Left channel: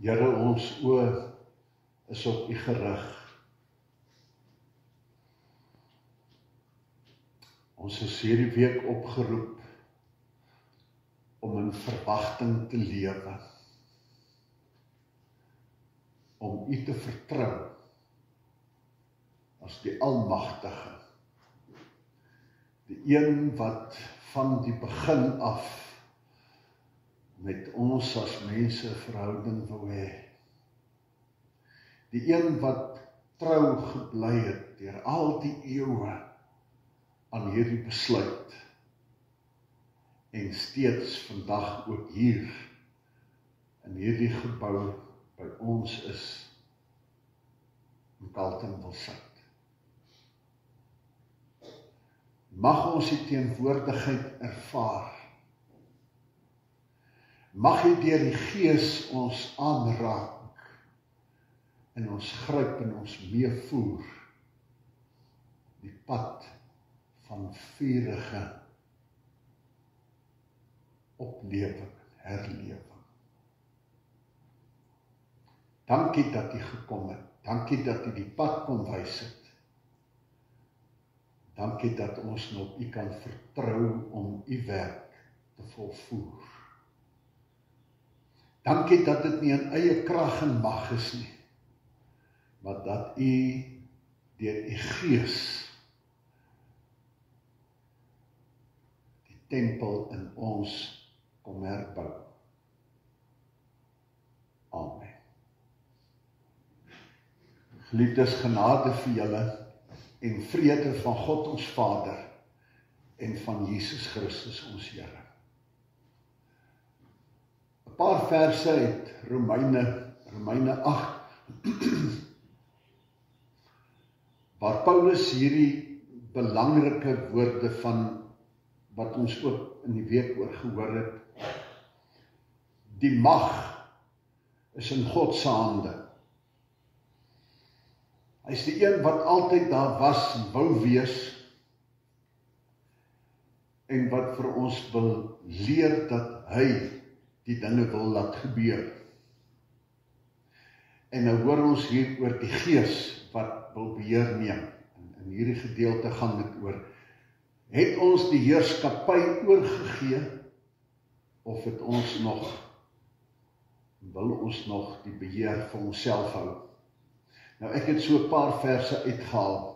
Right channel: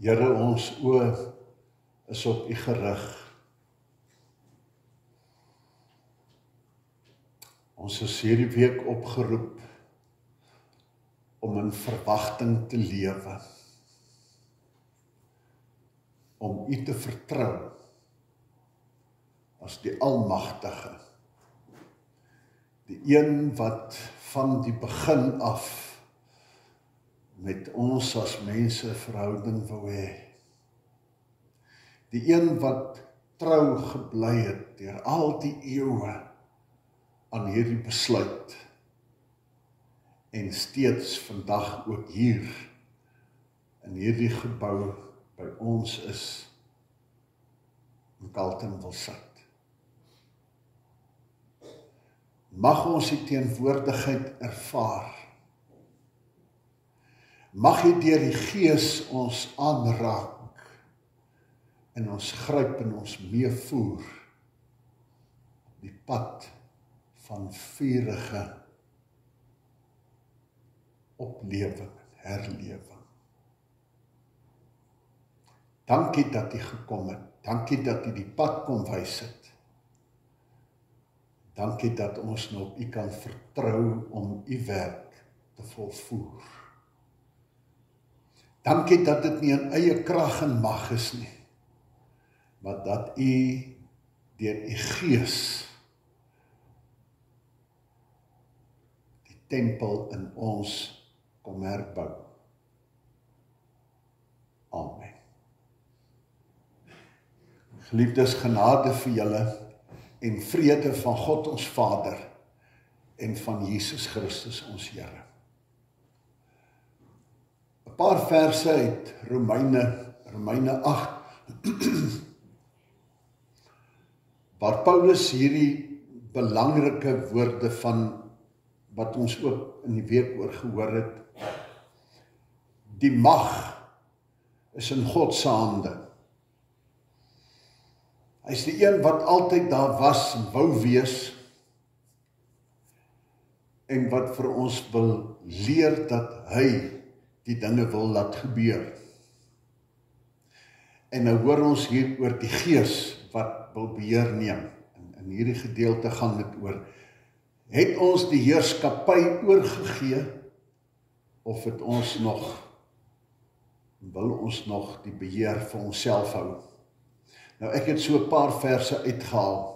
Here, ons oë is op U gerig. Ons is hierdie week opgeroep om in verwagting te lewe, om U te vertrou as die Almagtige, die een wat van die begin af met ons as mense verhouding wou hê, die een wat trou gebly het deur al die eeue aan hierdie besluit en steeds vandag ook hier in hierdie gebou by ons is in Carletonville-Suid. Mag ons die teenwoordigheid ervaar. Mag hy deur die Gees ons aanraak en ons gryp en ons meevoer die pad van vurige oplewing, herlewing. Dankie dat U gekom het. Dankie dat U die pad kom wys het. Dankie dat ons nou op U kan vertrou om U werk te volvoer. Dankie dat dit nie in eie krag en mag is nie, maar dat U deur U Gees die tempel in ons kom herbou. Amen. Geliefdes, genade vir julle en vrede van God ons Vader en van Jesus Christus ons Here. 'n Paar verse uit Romeine 8, waar Paulus hierdie belangrike woorde van wat ons ook in die week oor gehoor het, die mag is in God se hande. Hy is die een wat altyd daar was en wou wees, en wat vir ons wil leer dat hy die dinge wil laat gebeur. En nou hoor ons hier oor die Gees wat wil beheer neem. In hierdie gedeelte gaan dit oor, het ons die heerskappy oorgegee, of het ons nog, wil ons nog die beheer vir onsself hou? Nou ek het so 'n paar verse uitgehaal,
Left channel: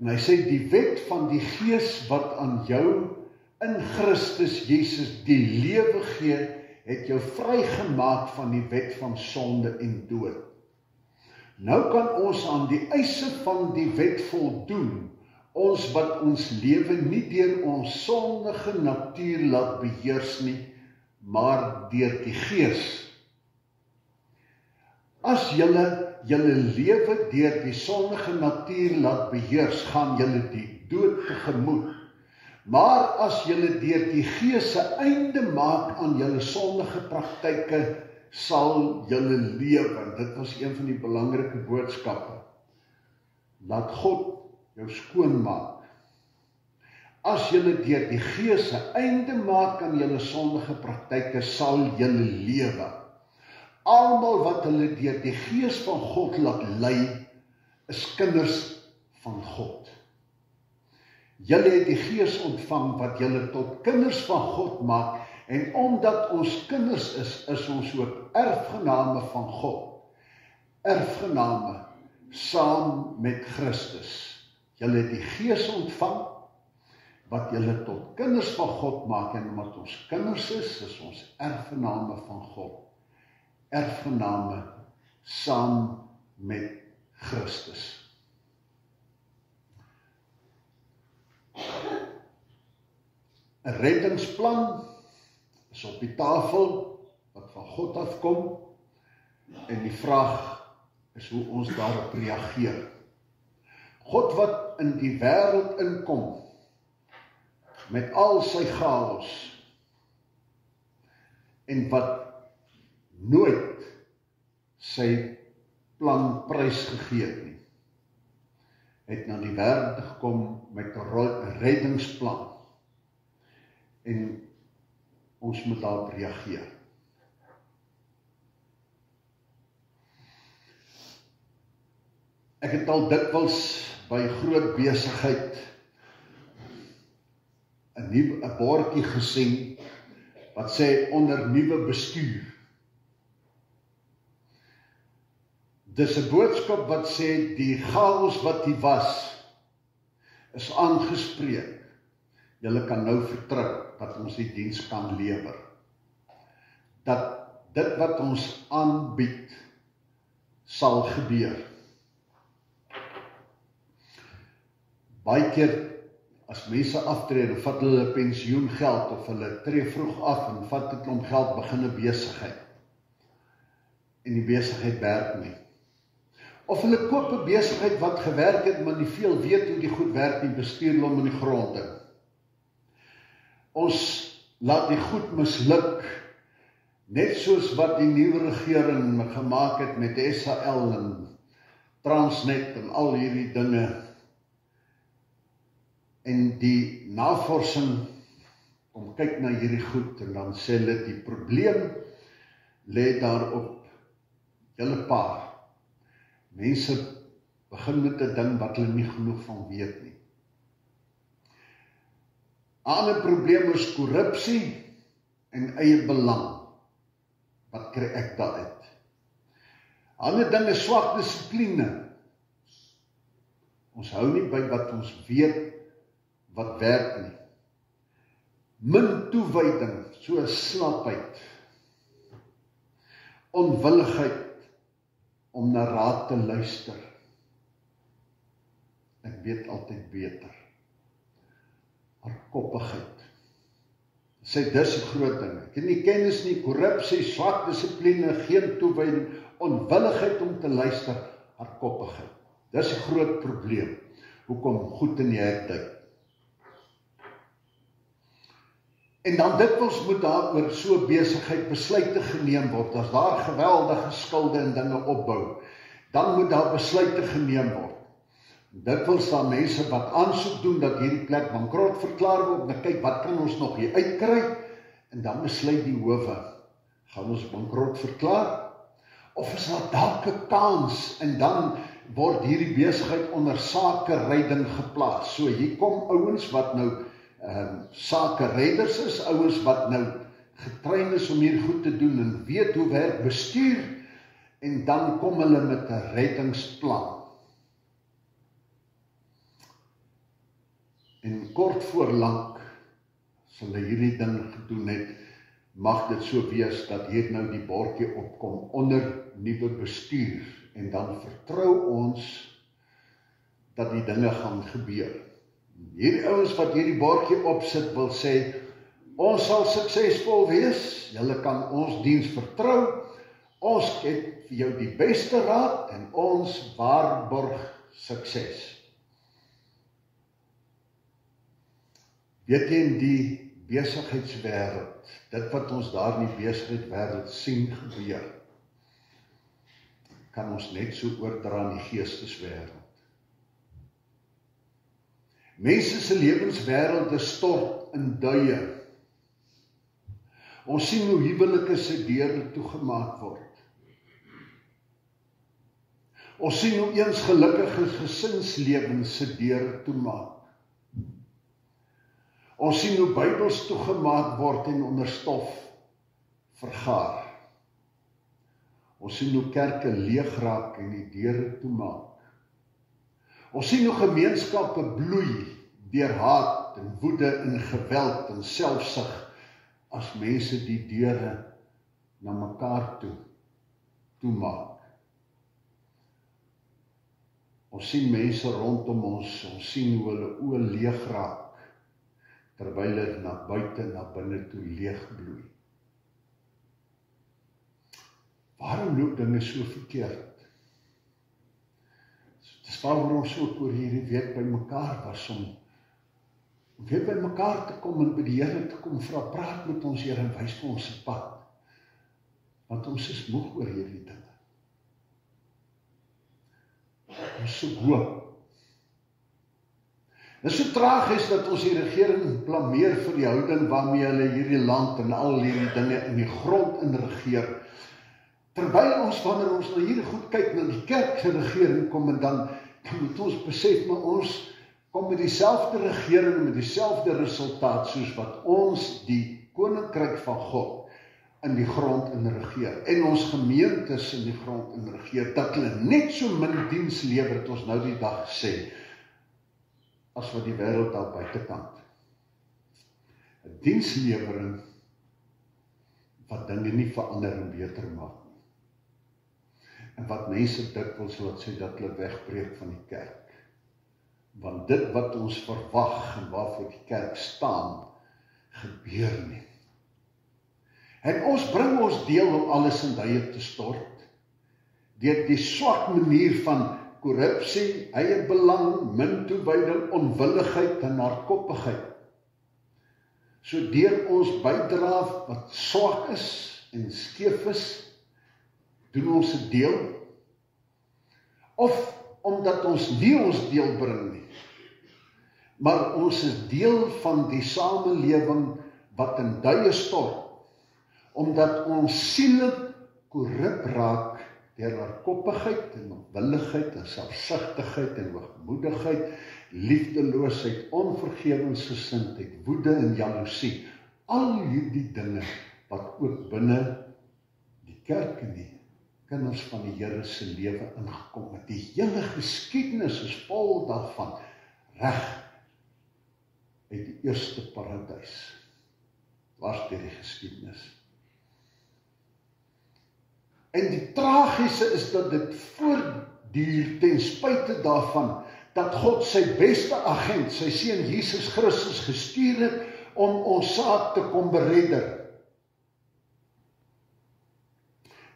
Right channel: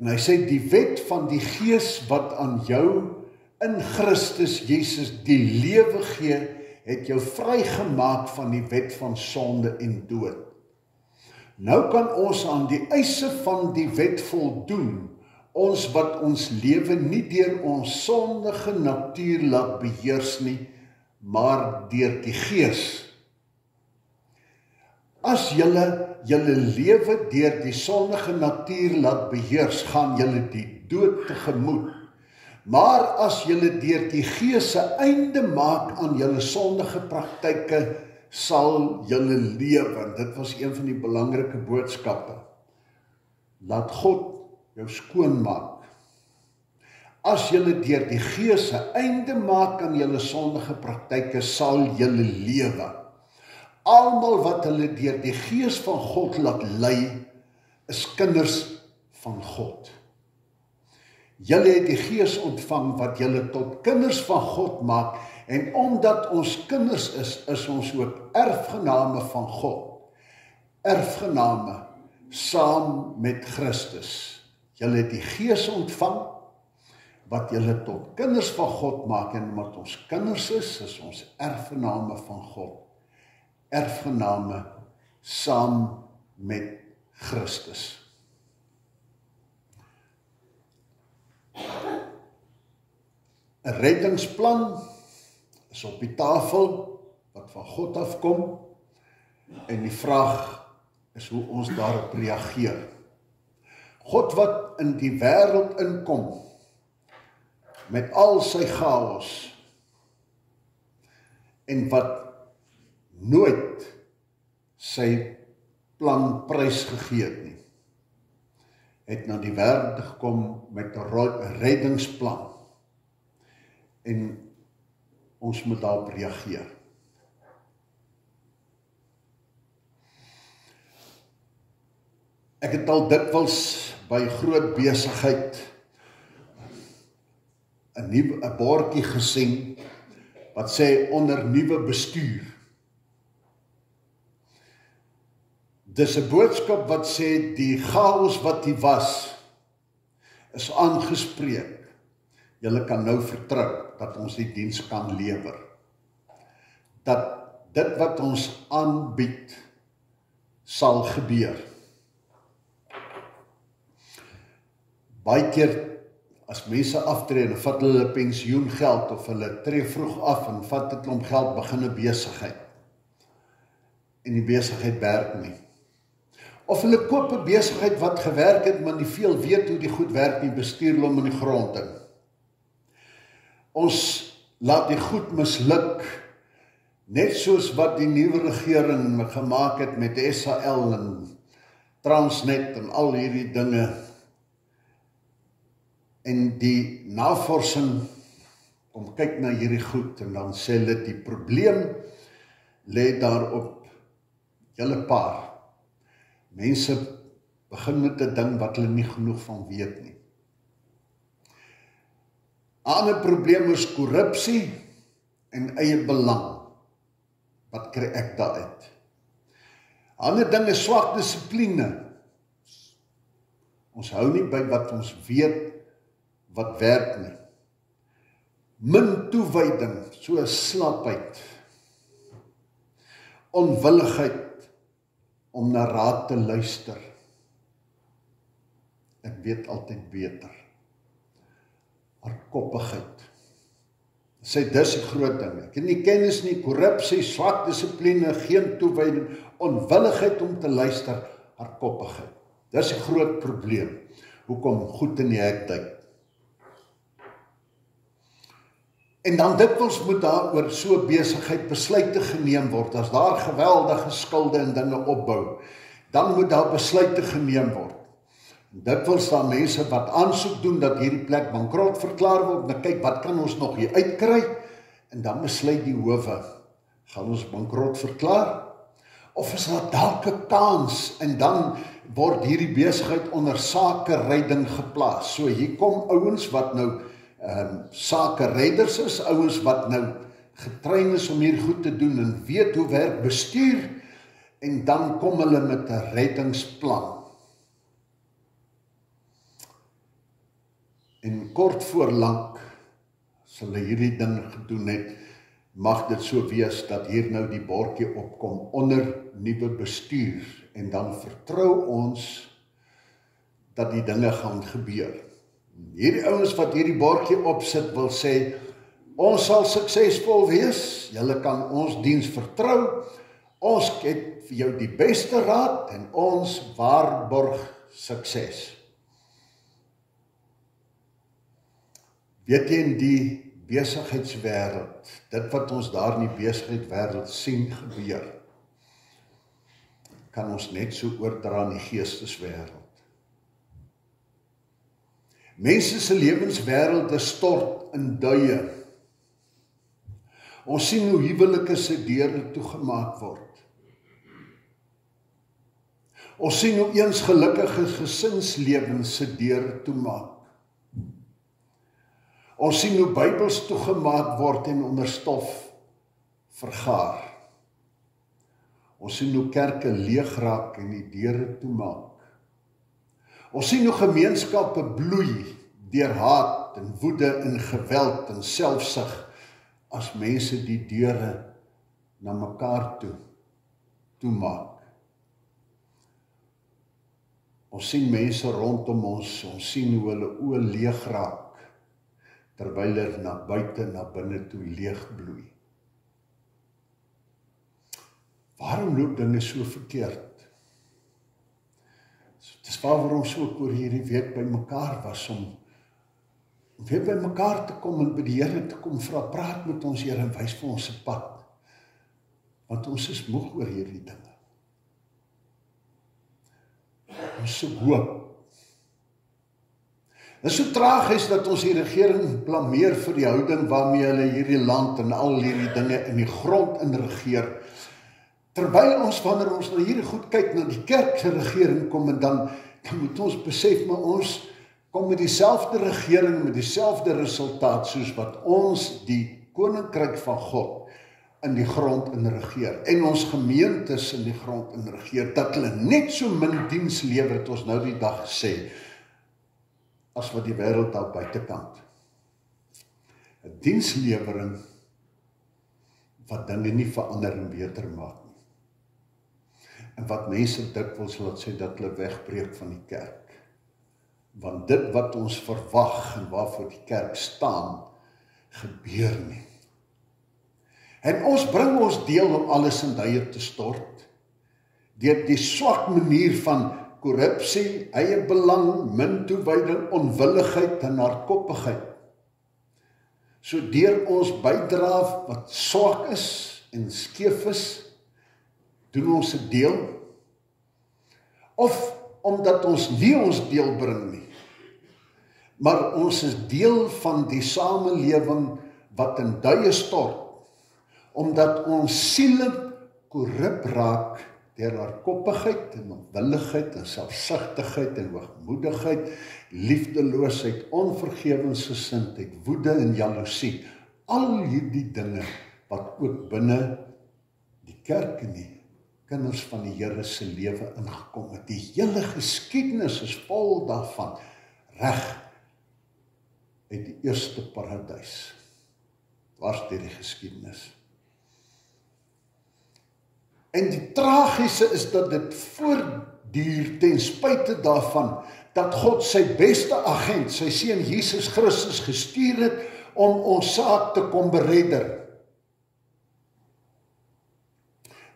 en hy sê, die wet van die Gees wat aan jou in Christus Jesus die lewe gee, het jou vrygemaak van die wet van sonde en dood. Nou kan ons aan die eise van die wet voldoen, ons wat ons lewe nie deur ons sondige natuur laat beheers nie, maar deur die Gees. As julle lewe deur die sondige natuur laat beheers, gaan julle die dood tegemoet. Maar as julle deur die Gees se einde maak aan julle sondige praktyke, sal julle lewe. Dit was een van die belangrike boodskappe. Laat God jou skoon maak. As julle deur die Gees se einde maak aan julle sondige praktyke, sal julle lewe. Almal wat hulle deur die Gees van God laat lei, is kinders van God. Julle het die Gees ontvang wat julle tot kinders van God maak, en omdat ons kinders is ons ook erfgename van God. Erfgename saam met Christus. Julle het die Gees ontvang wat julle tot kinders van God maak, en omdat ons kinders is ons erfgename van God. Erfgename saam met Christus. 'n reddingsplan is op die tafel wat van God afkom, en die vraag is hoe ons daarop reageer. God wat in die wêreld inkom met al sy chaos, en wat nooit sy plan prysgegee het nie, het na die wêreld gekom met 'n reddingsplan, en ons moet daarop reageer. Ek het al dikwels by groot besigheid 'n bordjie gesien wat sê onder nuwe bestuur. Dis 'n boodskap wat sê die chaos wat hier was is aangespreek. Julle kan nou vertrou dat ons die diens kan lewer. Dat dit wat ons aanbied sal gebeur. Baie keer as mense aftree en vat hulle pensioengeld of hulle tree vroeg af en vat 'n klomp geld, begin 'n besigheid. En die besigheid werk nie. Of hulle koop 'n besigheid wat gewerk het, maar nie veel weet hoe die goed werk nie, bestuur hulle hom in die grond in. Ons laat die goed misluk, net soos wat die nuwe regering gemaak het met SAL en Transnet en al hierdie dinge. En die navorsing kom kyk na hierdie goed en dan sê hulle die probleem lê daarop julle paar. Mense begin met 'n ding wat hulle nie genoeg van weet nie. 'n Ander probleem is korrupsie en eie belang. Wat kry ek daaruit? 'n Ander ding is swak dissipline. Ons hou nie by wat ons weet wat werk nie. Min toewyding, so slapheid. Onwilligheid om na raad te luister. Ek weet altyd beter. Hardkoppigheid. Sê dis 'n groot ding. Ek het nie kennis nie, korrupsie, swak dissipline, geen toewyding, onwilligheid om te luister, hardkoppigheid. Dis 'n groot probleem. Hoekom goed in die hek duik. En dan dikwels moet daar oor so besigheid besluite geneem word. As daar geweldige skulde en dinge opbou, dan moet daar besluite geneem word. Dikwels daar mense wat aansoek doen dat hierdie plek bankrot verklaar word, en kyk wat kan ons nog hier uitkry, en dan besluit die howe, gaan ons bankrot verklaar? Of is daar dalk 'n kans, en dan word hierdie besigheid onder sakeredding geplaas. So hier kom ouens wat nou sakeredders is, ouens wat nou getrein is om hier goed te doen en weet hoe werk bestuur, en dan kom hulle met 'n reddingsplan. En kort voor lank, as hulle hierdie ding gedoen het, mag dit so wees dat hier nou die bordjie opkom onder nuwe bestuur, en dan vertrou ons dat die dinge gaan gebeur. Hierdie ouens wat hierdie bordjie opsit wil sê, ons sal suksesvol wees, julle kan ons diens vertrou, ons het vir jou die beste raad en ons waarborg sukses. Weet jy, in die besigheidswêreld, dit wat ons daar in die besigheidswêreld sien gebeur, kan ons net so oordra in die geesteswêreld. Mense se lewenswêrelde stort in duie. Ons sien hoe huwelike se deure toegemaak word. Ons sien hoe eens gelukkige gesinslewens se deure toemaak. Ons sien hoe Bybels toegemaak word en onder stof vergaar. Ons sien hoe kerke leeg raak en die deure toemaak. Ons sien hoe gemeenskappe bloei deur haat en woede en geweld en selfsug as mense die deure na mekaar toemaak. Ons sien mense rondom ons sien hoe hulle oë leeg raak, terwyl hulle na buite, na binne toe leeg bloei. Waarom loop dinge so verkeerd? Dis waarom so oor hierdie week by mekaar was, om weer by mekaar te kom en by die Here te kom vra, praat met ons Here en wys vir ons 'n pad. Want ons is moeg oor hierdie dinge. Ons so hoop. Dit is so tragies dat ons die regering blameer vir die houding waarmee hulle hierdie land en al hierdie dinge in die grond in regeer. Terwyl ons, wanneer ons na hierdie goed kyk, na die kerk se regering kom, en dan moet ons besef, maar ons kom met dieselfde regering, met dieselfde resultaat, soos wat ons die koninkryk van God in die grond in regeer, en ons gemeentes in die grond in regeer, dat hulle net so min diens lewer, het ons nou die dag gesê, as wat die wêreld daar buitekant. 'n Dienslewering wat dinge nie verander en beter maak nie. En wat mense dikwels laat sê dat hulle wegbreek van die kerk. Want dit wat ons verwag en waarvoor die kerk staan, gebeur nie. En ons bring ons deel om alles in duie te stort, deur die swak manier van korrupsie, eie belang, min toewyding, onwilligheid en hardkoppigheid. So deur ons bydra wat swak is en skeef is, doen ons 'n deel, of omdat ons nie ons deel bring nie, maar ons is deel van die samelewing wat in duie stort, omdat ons siele korrup raak deur hardkoppigheid en onwilligheid en selfsugtigheid en hoogmoedigheid, liefdeloosheid, onvergewensgesindheid, woede en jaloesie. Al hierdie dinge wat ook binne die kerk en die kinders van die Here se lewe ingekom het. Die hele geskiedenis is vol daarvan, reg uit die eerste paradys. Waar deur die geskiedenis. En die tragiese is dat dit voortduur ten spyte daarvan dat God sy beste agent, sy seun Jesus Christus gestuur het om ons saak te kom beredder.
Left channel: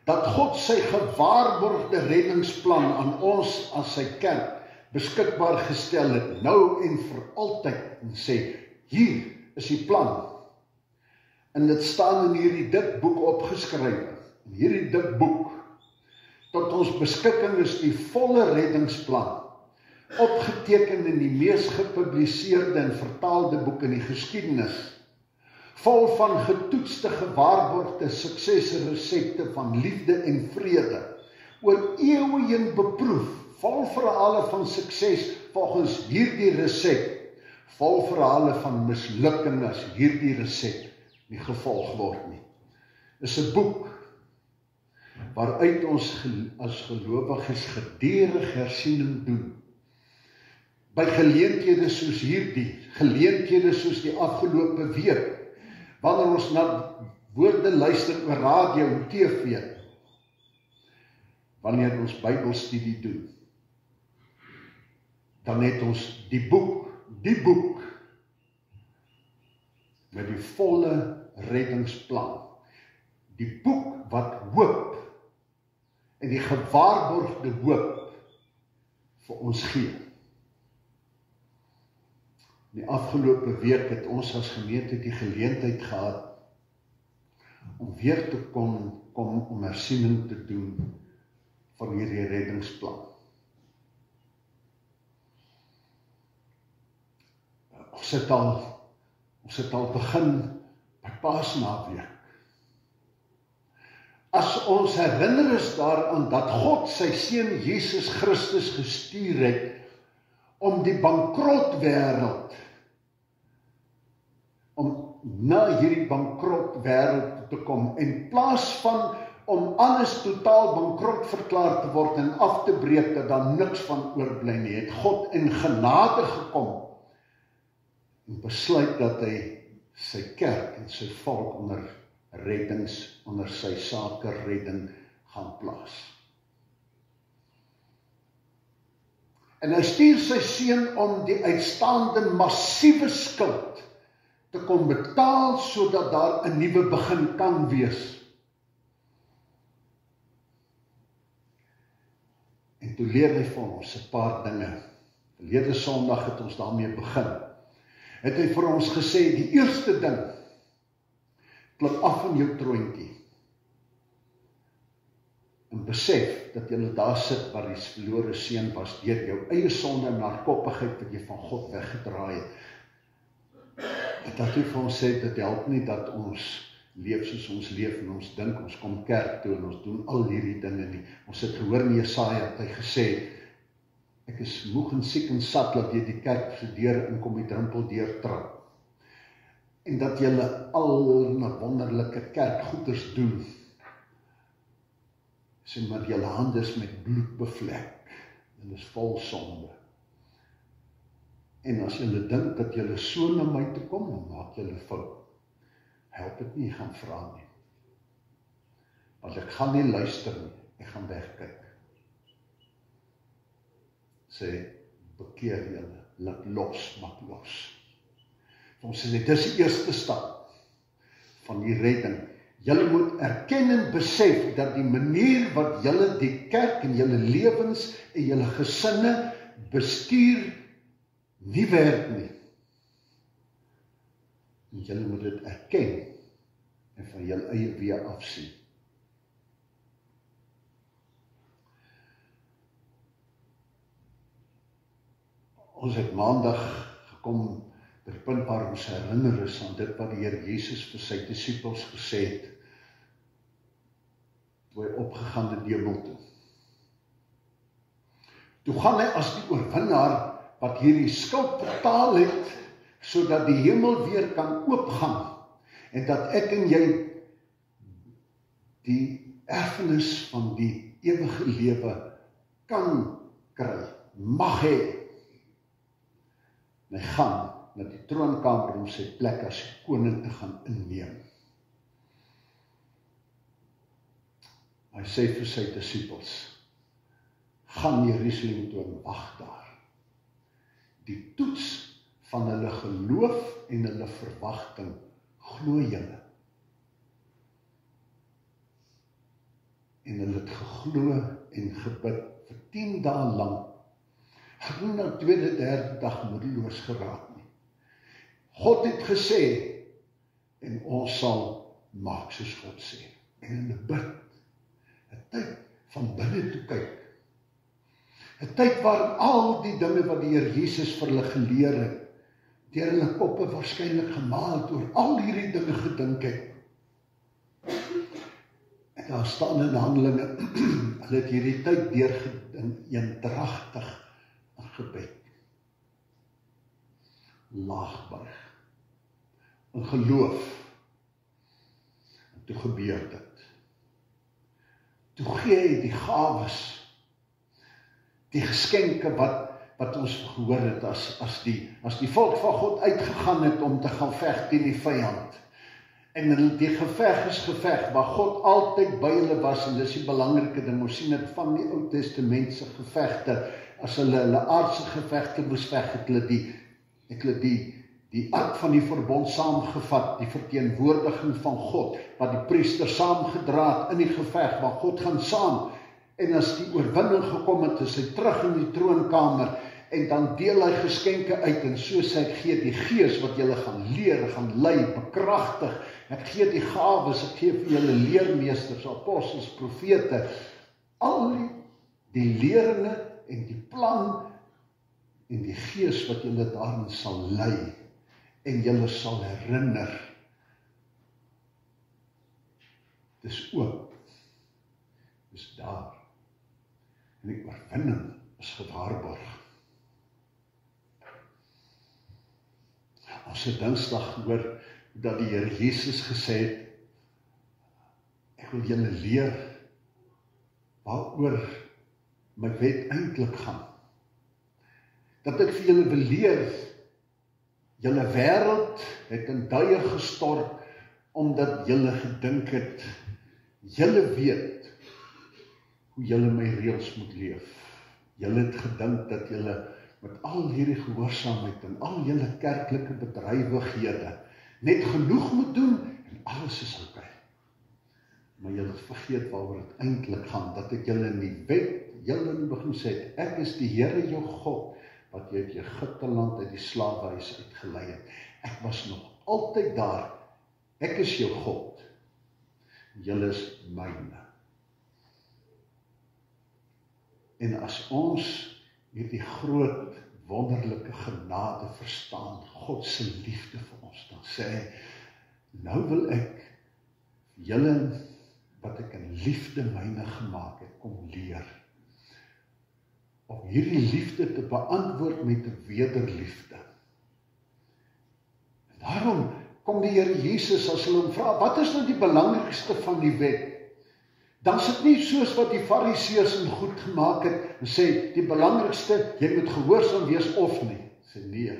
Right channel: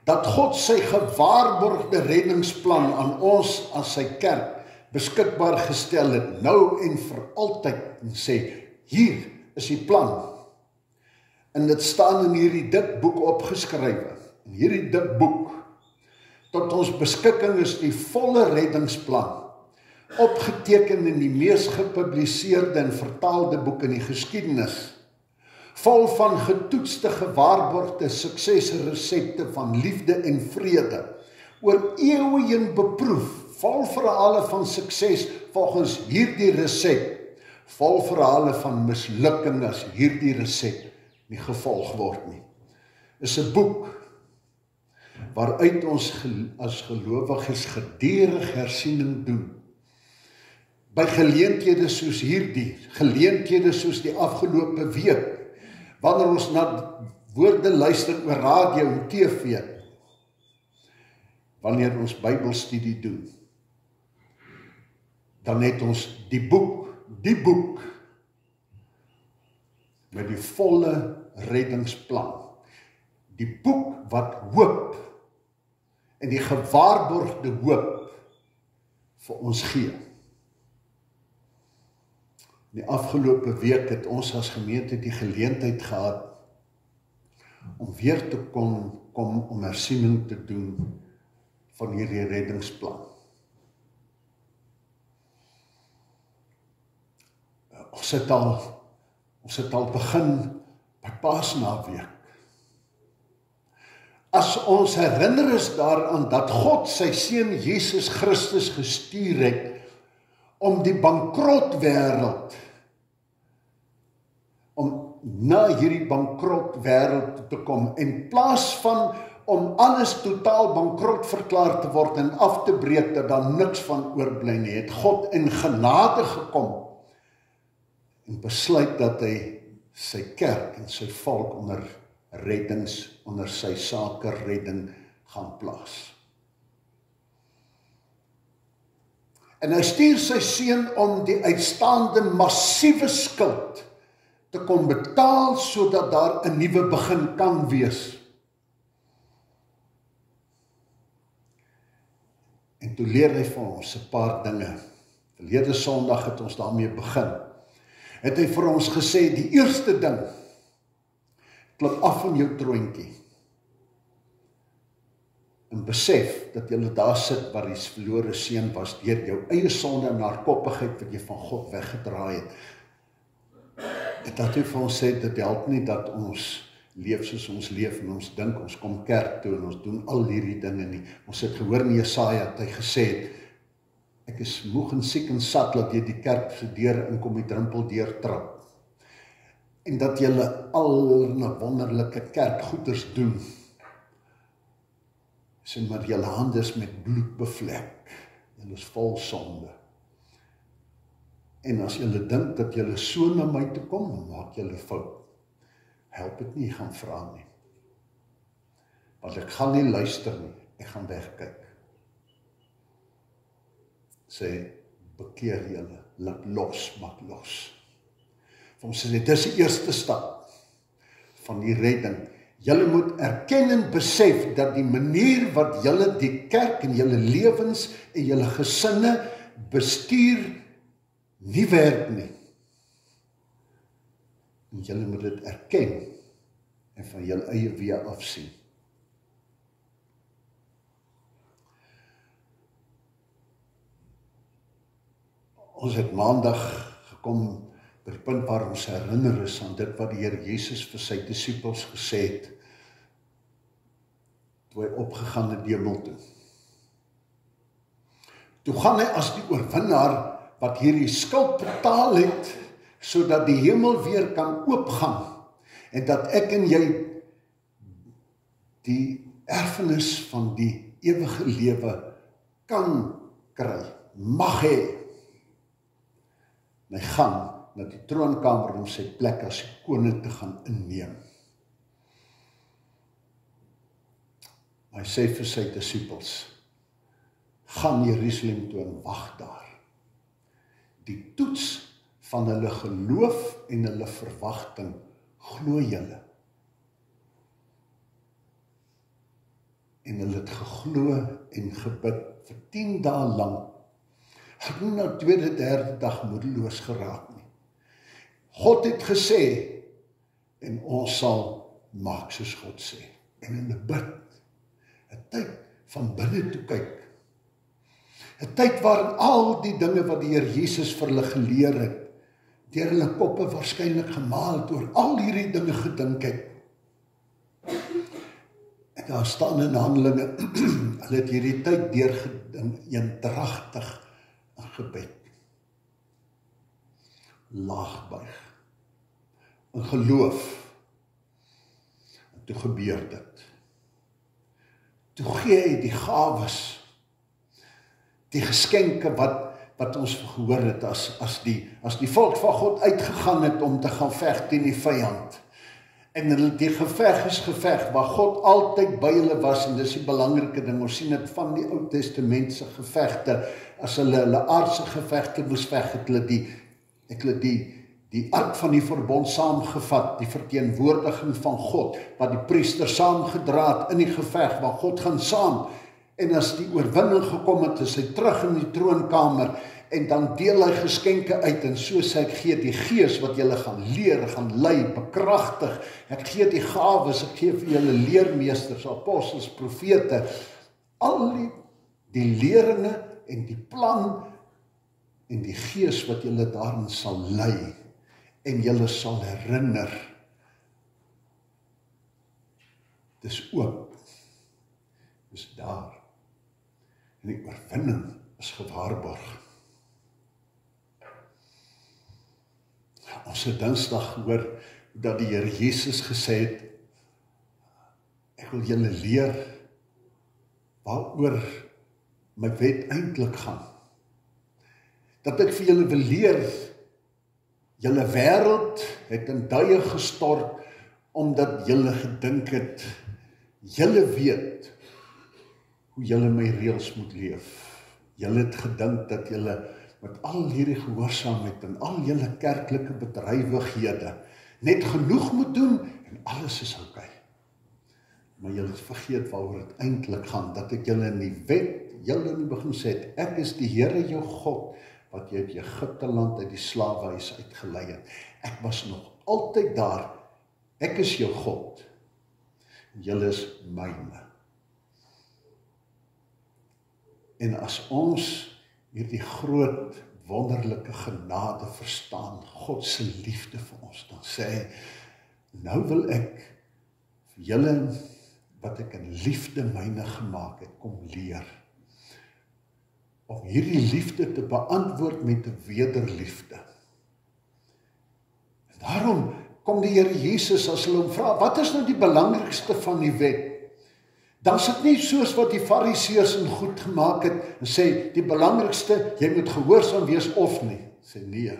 Dat God sy gewaarborgde reddingsplan aan ons as sy kerk beskikbaar gestel het, nou en vir altyd, en sê, hier is die plan. En dit staan in hierdie dik boek opgeskrywe. In hierdie dik boek, tot ons beskikking is die volle reddingsplan, opgeteken in die mees gepubliseerde en vertaalde boek in die geskiedenis, vol van getoetste, gewaarborgde suksesresepte van liefde en vrede, oor eeue heen beproef, vol verhale van sukses volgens hierdie resep, vol verhale van mislukking as hierdie resep nie gevolg word nie. Is 'n boek waaruit ons as gelowiges gedurig hersiening doen. By geleenthede soos hierdie, geleenthede soos die afgelope week, wanneer ons na woorde luister oor radio en TV, wanneer ons Bybelstudie doen, dan het ons die boek met die volle reddingsplan, die boek wat hoop en die gewaarborgde hoop vir ons gee. Die afgelope week het ons as gemeente die geleentheid gehad om weer te kom om hersiening te doen van hierdie reddingsplan. Ons het al begin by Paasnaweek. As ons herinner is daaraan dat God sy seun Jesus Christus gestuur het om die bankrot wêreld, om na hierdie bankrot wêreld te kom, in plaas van om alles totaal bankrot verklaar te word en af te breek, dat daar niks van oorbly nie, het God in genade gekom en besluit dat hy sy kerk en sy volk onder sy sake redding gaan plaas. En hy stuur sy seun om die uitstaande massiewe skuld te kom betaal, sodat daar 'n nuwe begin kan wees. En toe leer hy vir ons 'n paar dinge. Verlede Sondag het ons daarmee begin. Het hy vir ons gesê, die eerste ding, klip af van jou troontjie en besef dat jy daar sit waar die verlore seun was, deur jou eie sonde en hardkoppigheid wat jy van God weggedraai het. En dat hy vir ons sê, dit help nie dat ons leef soos ons leef en ons dink, ons kom kerk toe en ons doen al hierdie dinge nie. Ons het gehoor in Jesaja, het hy gesê het, ek is moeg en siek en sat dat jy die kerk se deur inkom, die drempel deur trap. En dat julle al 'n wonderlike kerkgoeders doen. Sê maar julle hande is met bloed bevlek. Julle is vol sonde. En as julle dink dat julle so na my toe kom, dan maak julle fout. Help dit nie, gaan vra nie. Want ek gaan nie luister nie, ek gaan wegkyk. Sê, bekeer julle, laat los, maak los. Ons sê, dit is die eerste stap van die redding. Julle moet erken en besef dat die manier wat julle die kerk en julle lewens en julle gesinne bestuur nie werk nie. En julle moet dit erken en van julle eie weë afsien. Ons het maandag gekom by die punt waar ons herinner is aan dit wat die Here Jesus vir sy disippels gesê het, toe hy opgegaan het hemel toe. Toe gaan hy as die oorwinnaar wat hierdie skuld betaal het, sodat die hemel weer kan oopgaan, en dat ek en jy die erfenis van die ewige lewe kan kry, mag hê. En hy gaan na die troonkamer om sy plek as koning te gaan inneem. Hy sê vir sy disippels, gaan Jerusalem toe en wag daar. Die toets van hulle geloof en hulle verwagting, glo julle. En hulle het geglo en gebid vir 10 dae lank. Ek het nie nou tweede, derde dag moedeloos geraak nie. God het gesê, en ons sal maak soos God sê. En in die bid, 'n tyd van binne toe kyk. 'n Tyd waarin al die dinge wat die Here Jesus vir hulle geleer het, deur hulle koppe waarskynlik gemaal het, oor al hierdie dinge gedink het. En daar staan in Handelinge, hulle het hierdie tyd deurgedink, eendragtig gebed. Laagbuig. In geloof. En toe gebeur dit. Toe gee hy die gawes, die geskenke wat ons gehoor het as die volk van God uitgegaan het om te gaan veg teen die vyand. En hulle die geveg is geveg, waar God altyd by hulle was, en dis die belangrike ding, ons sien dit van die Ou Testament se gevegte, as hulle aardse gevegte moes veg, het hulle die ark van die verbond saamgevat, die verteenwoordiging van God, wat die priester saamgedra het in die geveg, waar God gaan saam, en as die oorwinning gekom het, is hy terug in die troonkamer, en dan deel hy geskenke uit, en so sê ek gee die gees wat julle gaan leer, gaan lei, bekragtig, ek gee die gawes, ek gee vir julle leermeesters, apostels, profete, al die leringe en die plan en die gees wat julle daarin sal lei, en julle sal herinner. Dis oop. Dis daar. En die oorwinning is gewaarborg. Ons het Dinsdag gehoor dat die Here Jesus gesê het, ek wil julle leer waaroor my wet eintlik gaan. Dat ek vir julle wil leer, julle wêreld het in duie gestort, omdat julle gedink het, julle weet hoe julle my reëls moet leef. Julle het gedink dat julle met al hierdie gehoorsaamheid en al julle kerklike bedrywighede net genoeg moet doen en alles is oukei. Maar julle het vergeet waaroor dit eintlik gaan, dat ek julle in die wet, julle in die begin sê het, ek is die Here jou God, wat jy uit Egipte land uit die slawehuis uitgelei het. Ek was nog altyd daar, ek is jou God, julle is myne. En as ons hierdie groot, wonderlike genade verstaan, God se liefde vir ons, dan sê hy, nou wil ek julle wat ek in liefde myne gemaak het, kom leer. Om hierdie liefde te beantwoord met 'n wederliefde. En daarom kom die Here Jesus as hulle hom vra, wat is nou die belangrikste van die wet? Dan is dit nie soos wat die Fariseërs in goed gemaak het, en sê, die belangrikste, jy moet gehoorsaam wees of nie. Sê nee,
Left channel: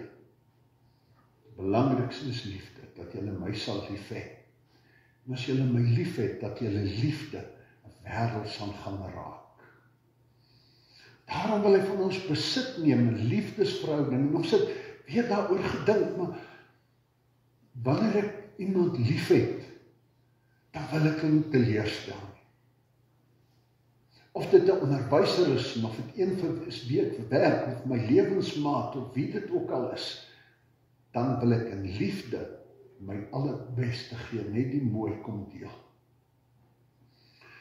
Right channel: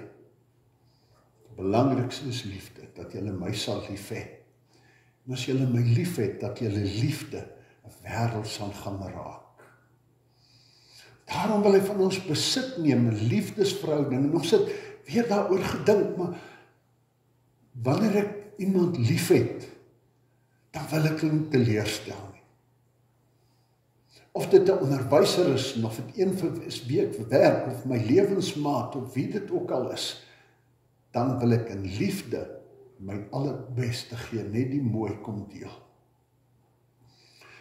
die belangrikste is liefde, dat julle my sal lief hê. En as julle my lief het, dat julle liefde 'n wêreld sal gaan raak. Daarom wil hy van ons besit neem, 'n liefdesverhouding, en ons het weer daaroor gedink, maar wanneer ek iemand lief het, dan wil ek hom teleurstel nie. Of dit 'n onderwyser is, of dit een is vir werk, of my lewensmaat, of wie dit ook al is, dan wil ek in liefde my allerbeste gee, net die mooi kom deel.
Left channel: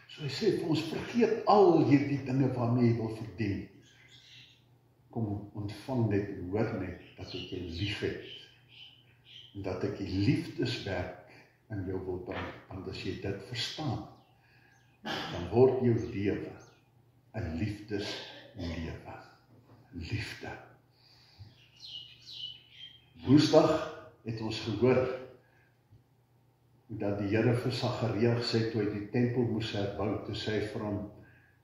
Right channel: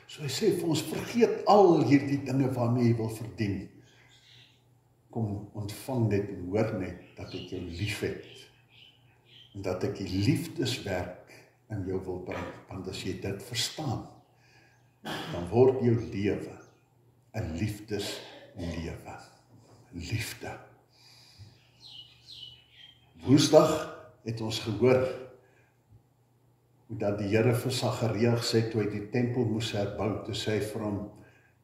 So hy sê vir ons, vergeet al hierdie dinge waarmee jy wil verdien. Kom ontvang net en hoor net dat ek jou lief het. En dat ek die liefdeswerk in jou wil bring. Want as jy dit verstaan, dan word jou lewe 'n liefdeslewe. Liefde. Woensdag het ons gehoor hoe dat die Here vir Sagaria gesê toe hy die tempel moes herbou, toe sê hy vir hom,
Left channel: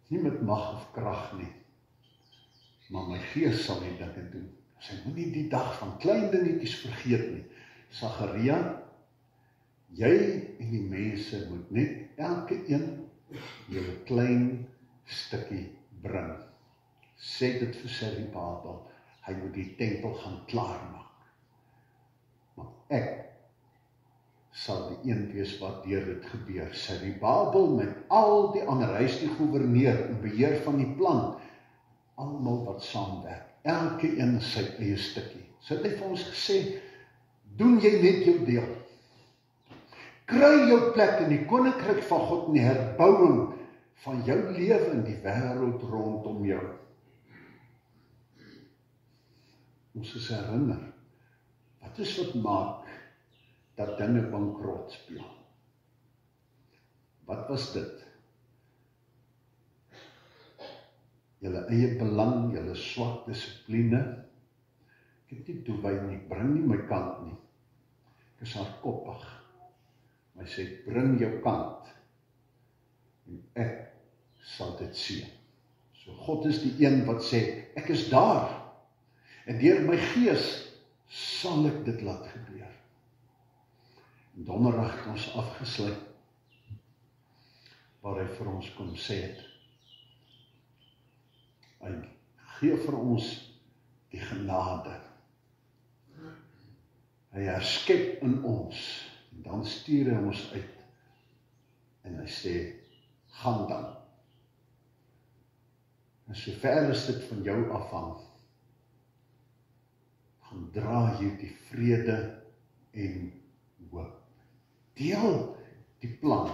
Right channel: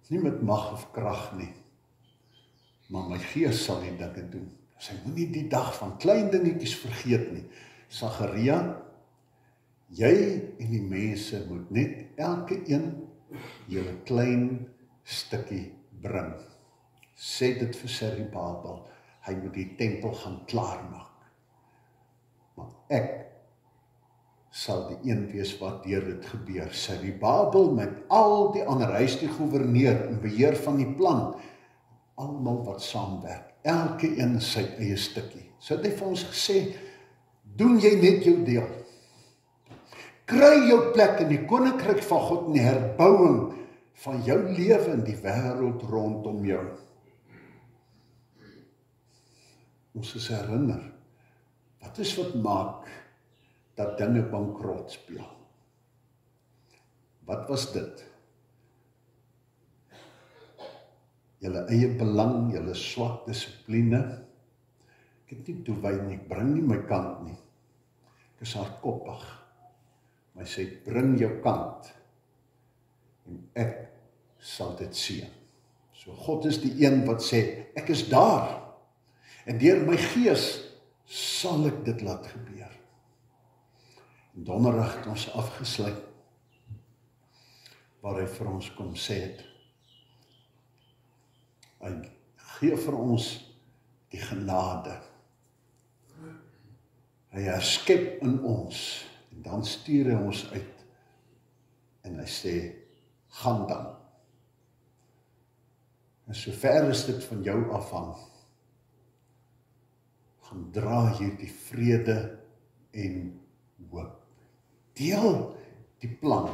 nie met mag of krag nie, maar my gees sal die dinge doen. Sy moenie die dag van klein dingetjies vergeet nie. Sagaria, jy en die mense moet net elke een jou 'n klein stukkie bring. Sê dit vir Zerubabel, hy moet die tempel gaan klaarmaak. Maar ek sal die een wees wat deur dit gebeur. Zerubabel met al die ander, hy is die gouverneur en beheer van die plan, almal wat saamwerk, elke een sy eie stukkie. So het hy vir ons gesê, doen jy net jou deel. Kry jou plek in die koninkryk van God en die herbouing van jou lewe in die wêreld rondom jou. Ons is herinner, wat is wat maak dat dinge bankrot speel? Wat was dit? Julle eie belang, julle swak dissipline. Ek het nie toewy nie, ek bring nie my kant nie. Ek is hardkoppig. Maar hy sê, bring jou kant. En ek sal dit sien. So God is die een wat sê, ek is daar. En deur my gees sal ek dit laat gebeur. En donderdag het ons afgesluit, waar hy vir ons kom sê het, hy gee vir ons die genade. Hy herskep in ons, en dan stuur hy ons uit, en hy sê, gaan dan. En sover is dit van jou afhang, gaan dra hierdie vrede en hoop. Deel die plan,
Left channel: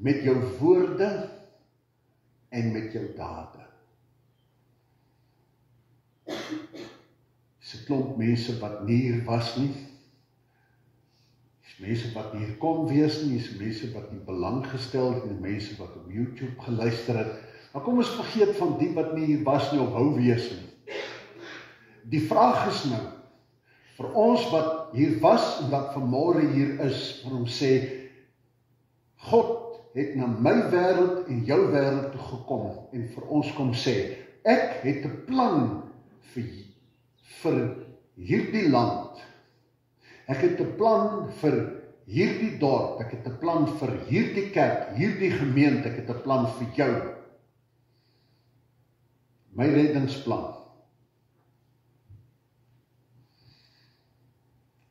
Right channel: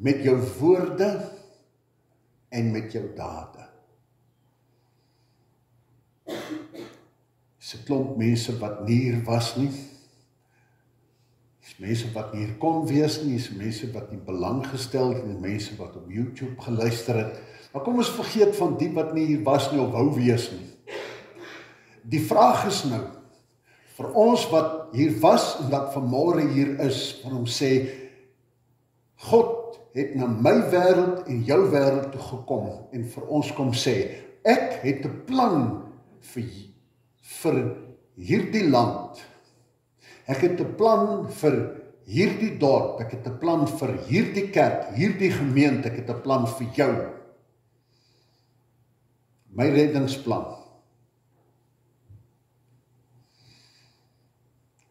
met jou woorde, en met jou dade. Dis 'n klomp mense wat nie hier was nie. Dis mense wat nie hier kon wees nie, dis mense wat nie belang gestel het, en mense wat op YouTube geluister het. Maar kom ons vergeet van die wat nie hier was nie of wou wees nie. Die vraag is nou, vir ons wat hier was en wat vanmôre hier is, van hom sê, God het na my wêreld en jou wêreld toe gekom en vir ons kom sê, ek het 'n plan vir hierdie land. Ek het 'n plan vir hierdie dorp, ek het 'n plan vir hierdie kerk, hierdie gemeente, ek het 'n plan vir jou. My reddingsplan.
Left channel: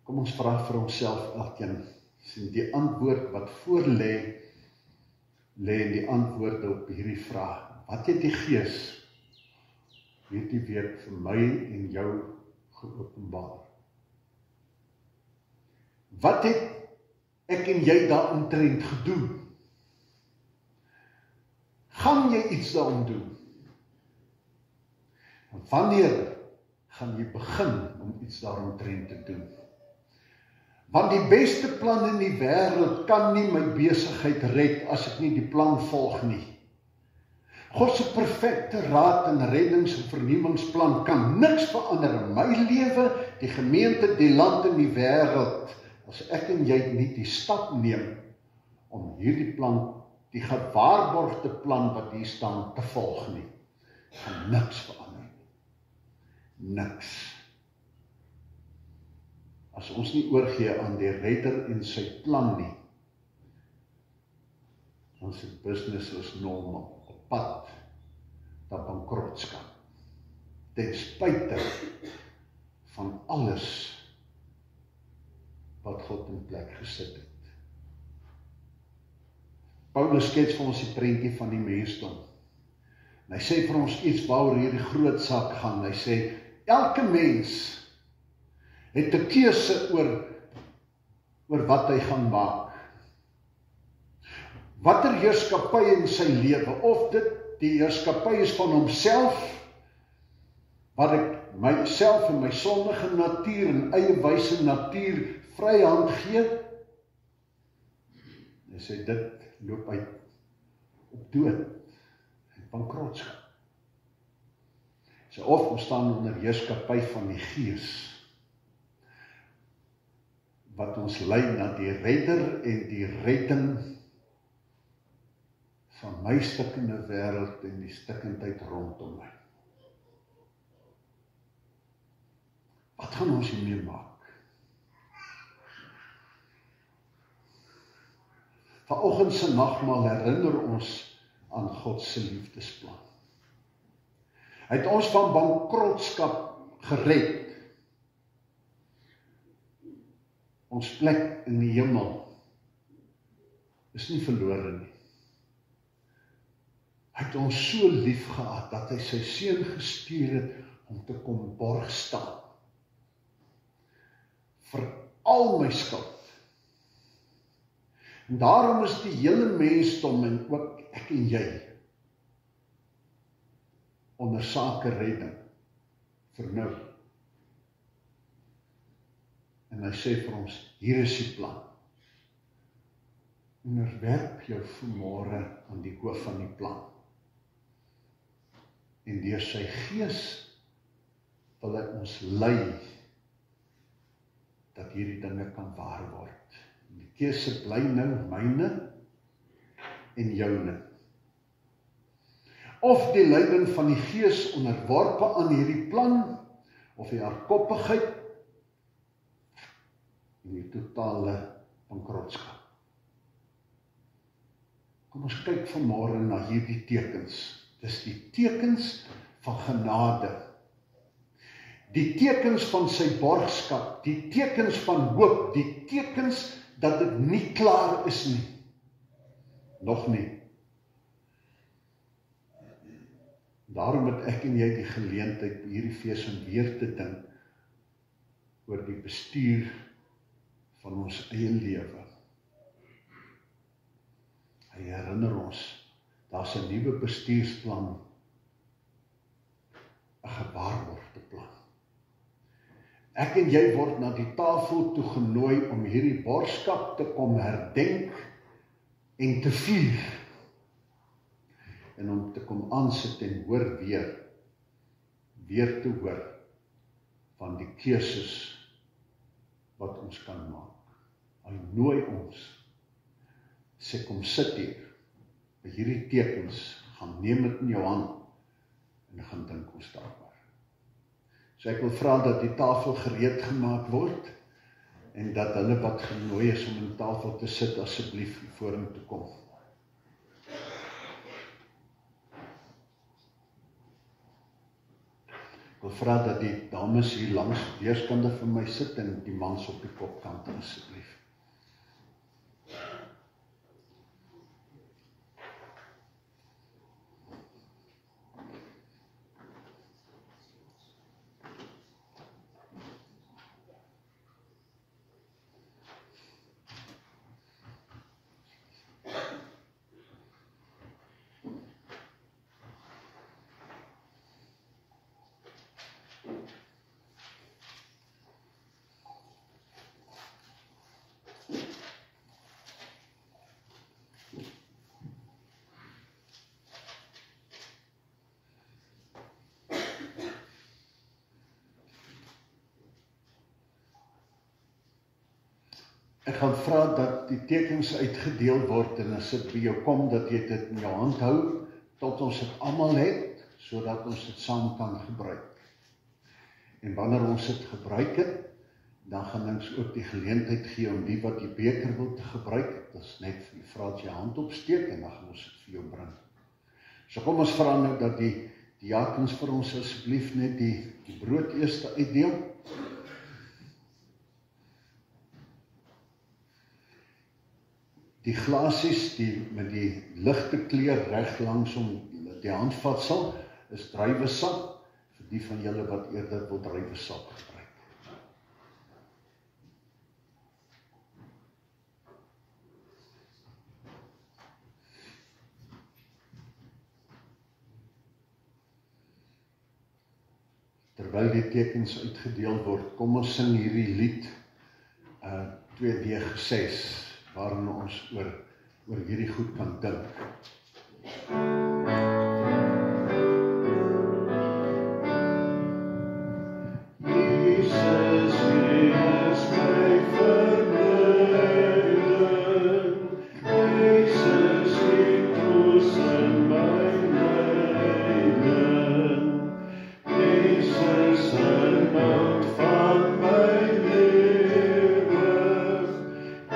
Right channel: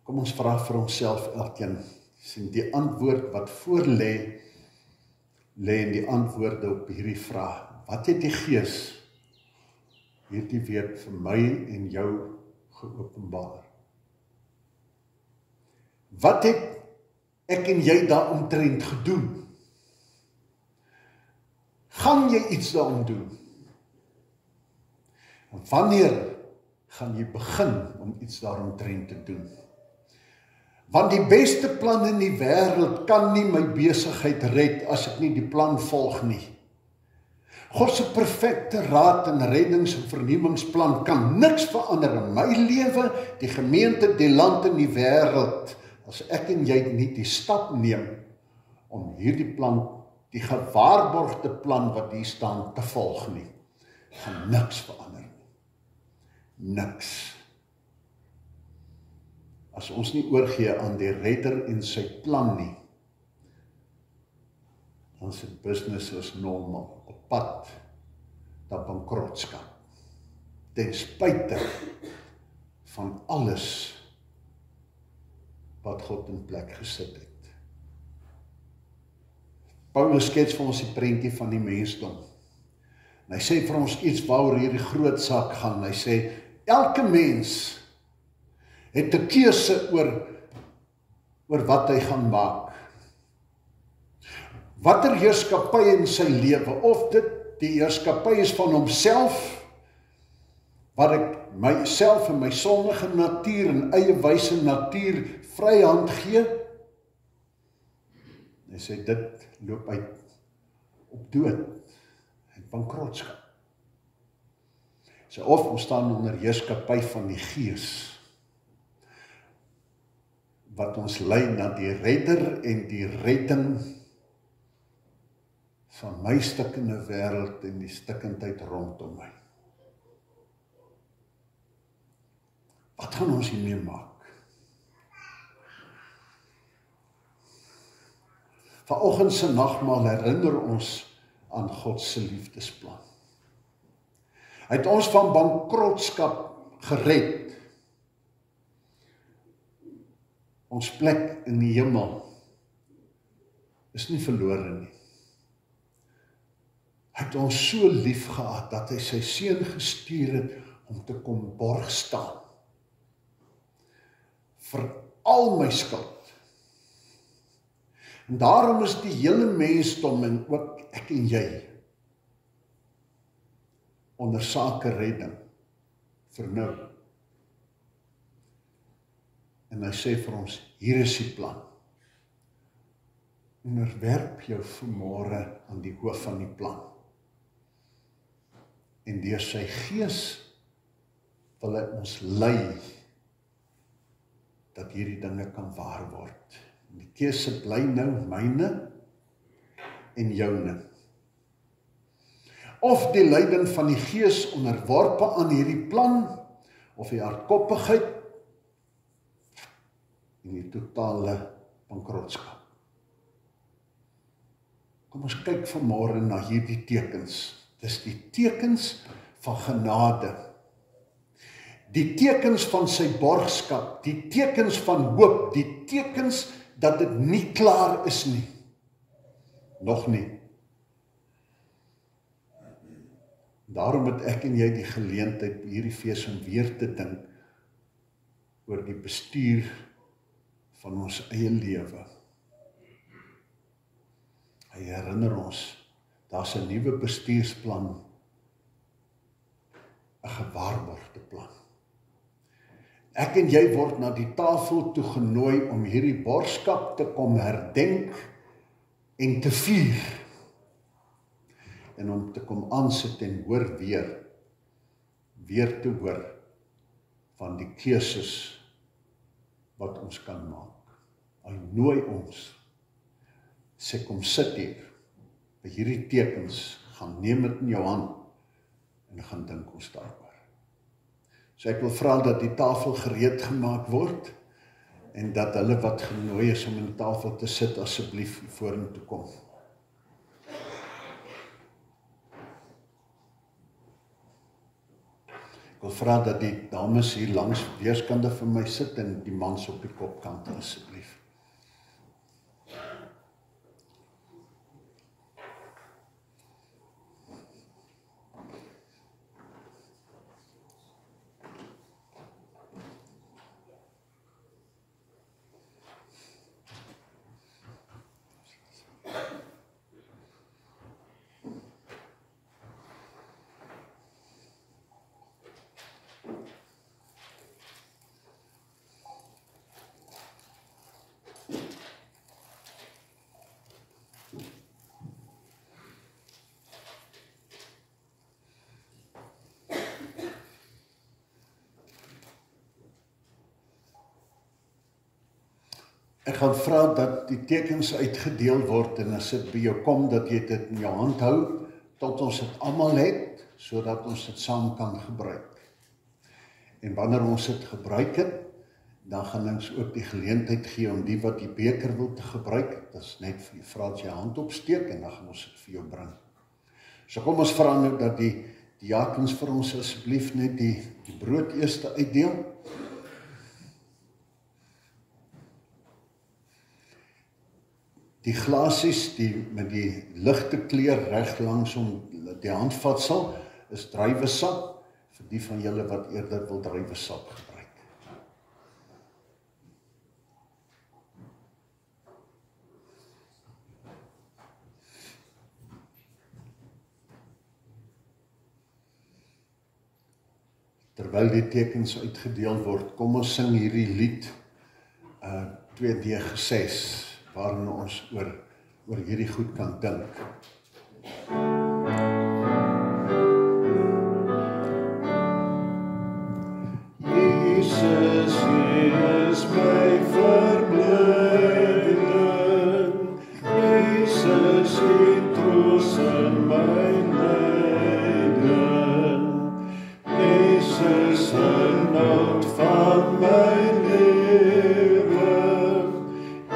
Kom ons vra vir onsself elkeen, sien die antwoord wat voor lê in die antwoorde op hierdie vraag. Wat het die Gees hierdie week vir my en jou geopenbaar? Wat het ek en jy daaromtrent gedoen? Gaan jy iets daarom doen? En wanneer gaan jy begin om iets daaromtrent te doen? Want die beste plan in die wêreld kan nie my besigheid red as ek nie die plan volg nie. God se perfekte raad en reddings- en vernuwingsplan kan niks verander in my lewe, die gemeente, die land en die wêreld, as ek en jy nie die stap neem om hierdie plan, die gewaarborgde plan wat hier staan, te volg nie. Gaan niks verander nie. Niks. As ons nie oorgee aan die redder en sy plan nie, dan is dit business as normal, op pad na bankrotskap, ten spyte van alles wat God in plek gesit het. Paulus skets vir ons die prentjie van die mensdom. En hy sê vir ons iets waaroor hierdie groot saak gaan. Hy sê, elke mens het 'n keuse oor wat hy gaan maak. Watter heerskappy in sy lewe, of dit die heerskappy is van homself, wat ek myself en my sondige natuur en eie wyse natuur vryhand gee, en sê dit loop uit op dood en bankrotskap. So of ons staan onder heerskappy van die Gees, wat ons lei na die redder en die redding van my stikkende wêreld en die stikkendheid rondom my. Wat gaan ons hiermee maak? Vanoggend se nagmaal herinner ons aan God se liefdesplan. Hy het ons van bankrotskap gered. Ons plek in die hemel is nie verlore nie. Hy het ons so lief gehad dat hy sy seun gestuur het om te kom borg staan vir al my skuld. En daarom is die hele mensdom en ook ek en jy onder sake redding vir nou. En hy sê vir ons, hier is die plan. Onderwerp jou vanmôre aan die hoof van die plan. En deur sy Gees wil hy ons lei dat hierdie dinge kan waar word. En die keuse bly nou myne en joune. Of die leiding van die Gees onderworpe aan hierdie plan, of die hardkoppigheid en die totale bankrotskap. Kom ons kyk vanmôre na hierdie tekens. Dis die tekens van genade. Die tekens van sy borgskap, die tekens van hoop, die tekens dat dit nie klaar is nie. Nog nie. Daarom het ek en jy die geleentheid by hierdie fees om weer te dink oor die bestuur van ons eie lewe. Hy herinner ons, daar's 'n nuwe bestuursplan, 'n gewaarborgde plan. Ek en jy word na die tafel toe genooi om hierdie borgskap te kom herdenk en te vier. En om te kom aansit en hoor weer te hoor van die keuses wat ons kan maak. Hy nooi ons, sê kom sit hier, by hierdie tekens, gaan neem dit in jou hand, en gaan dink ons daaroor. So ek wil vra dat die tafel gereed gemaak word, en dat hulle wat genooi is om aan die tafel te sit, asseblief vorentoe kom. Ek wil vra dat die dames hier langs weerskante van my sit, en die mans op die kopkant asseblief. Ek gaan vra dat die tekens uitgedeel word en as dit by jou kom, dat jy dit in jou hand hou, tot ons dit almal het, sodat ons dit saam kan gebruik. En wanneer ons dit gebruik het, dan gaan ons ook die geleentheid gee om die wat die beker wil te gebruik. Dit is net vir die vra dat jy hand opsteek en dan gaan ons dit vir jou bring. So kom ons vra nou dat die diakens vir ons asseblief net die brood eers uitdeel. Die glasies met die ligte kleur reg langs om die handvatsel is druiwesap vir die van julle wat eerder wil druiwesap gebruik. Terwyl die tekens uitgedeel word, kom ons sing hierdie lied 2D6 waarin ons oor hierdie goed kan dink. Jesus is my verblyding, Jesus het troos in my lyding, Jesus inhoud van my lewe,